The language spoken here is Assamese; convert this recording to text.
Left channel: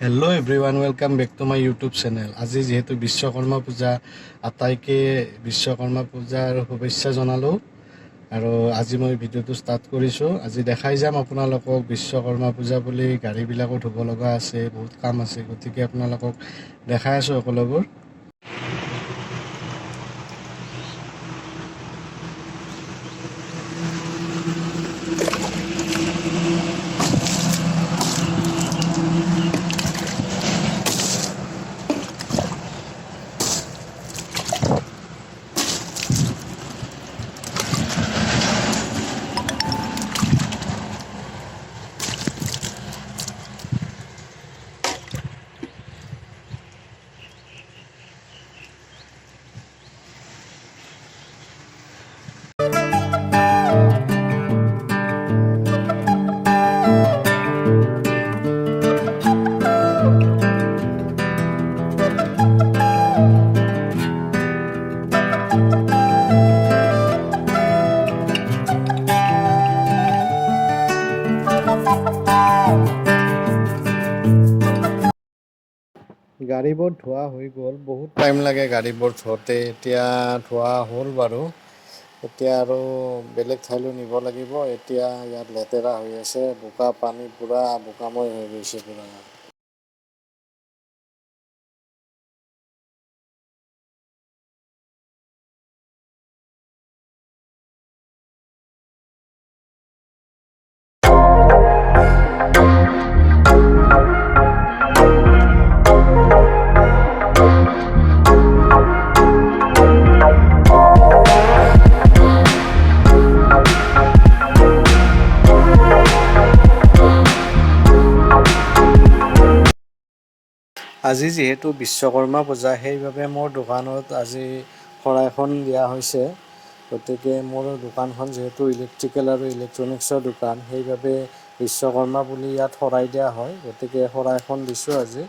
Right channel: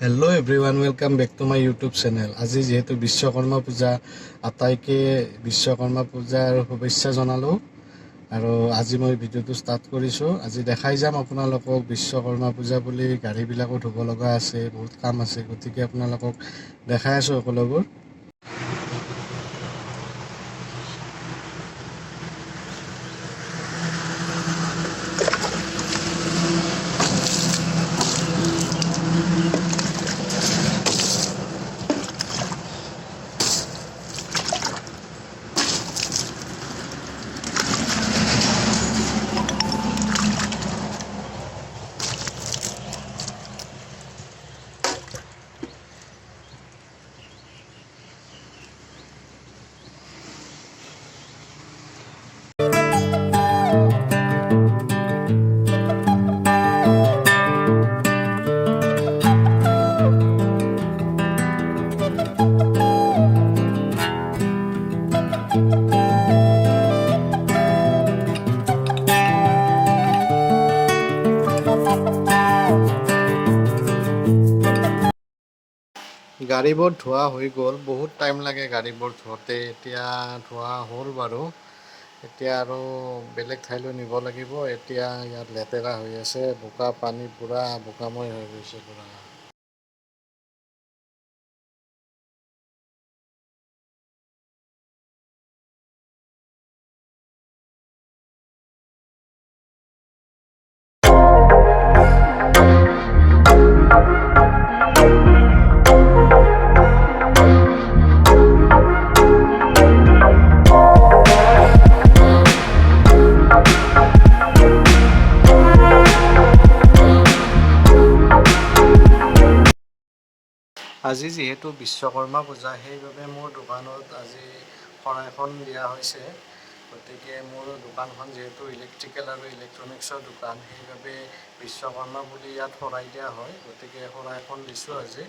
Hello' everyone, welcome back to my YouTube channel. আজি যিহেতু বিশ্বকৰ্মা পূজা, আটাইকে বিশ্বকৰ্মা পূজাৰ শুভেচ্ছা জনালোঁ। আৰু আজি মই ভিডিঅ'টো ষ্টাৰ্ট কৰিছোঁ। আজি দেখাই যাম আপোনালোকক বিশ্বকৰ্মা পূজা বুলি গাড়ীবিলাকো ধুব লগা আছে, বহুত কাম আছে, গতিকে আপোনালোকক দেখাই আছোঁ সকলোবোৰ। গাড়ীবোৰ ধোৱা হৈ গ'ল, বহুত টাইম লাগে গাড়ীবোৰ ধোৱাতে। এতিয়া ধোৱা হ'ল বাৰু। এতিয়া আৰু বেলেগ ঠাইলৈ নিব লাগিব। এতিয়া ইয়াত লেতেৰা হৈ আছে, বোকা পানী পূৰা বোকাময় হৈ গৈছে পূৰা। আজি যিহেতু বিশ্বকৰ্মা পূজা, সেইবাবে মোৰ দোকানত আজি শৰাইখন দিয়া হৈছে। গতিকে মোৰ দোকানখন যিহেতু ইলেক্ট্ৰিকেল আৰু ইলেক্ট্ৰনিক্সৰ দোকান, সেইবাবে বিশ্বকৰ্মা বুলি ইয়াত শৰাই দিয়া হয়। গতিকে শৰাইখন দিছোঁ আজি।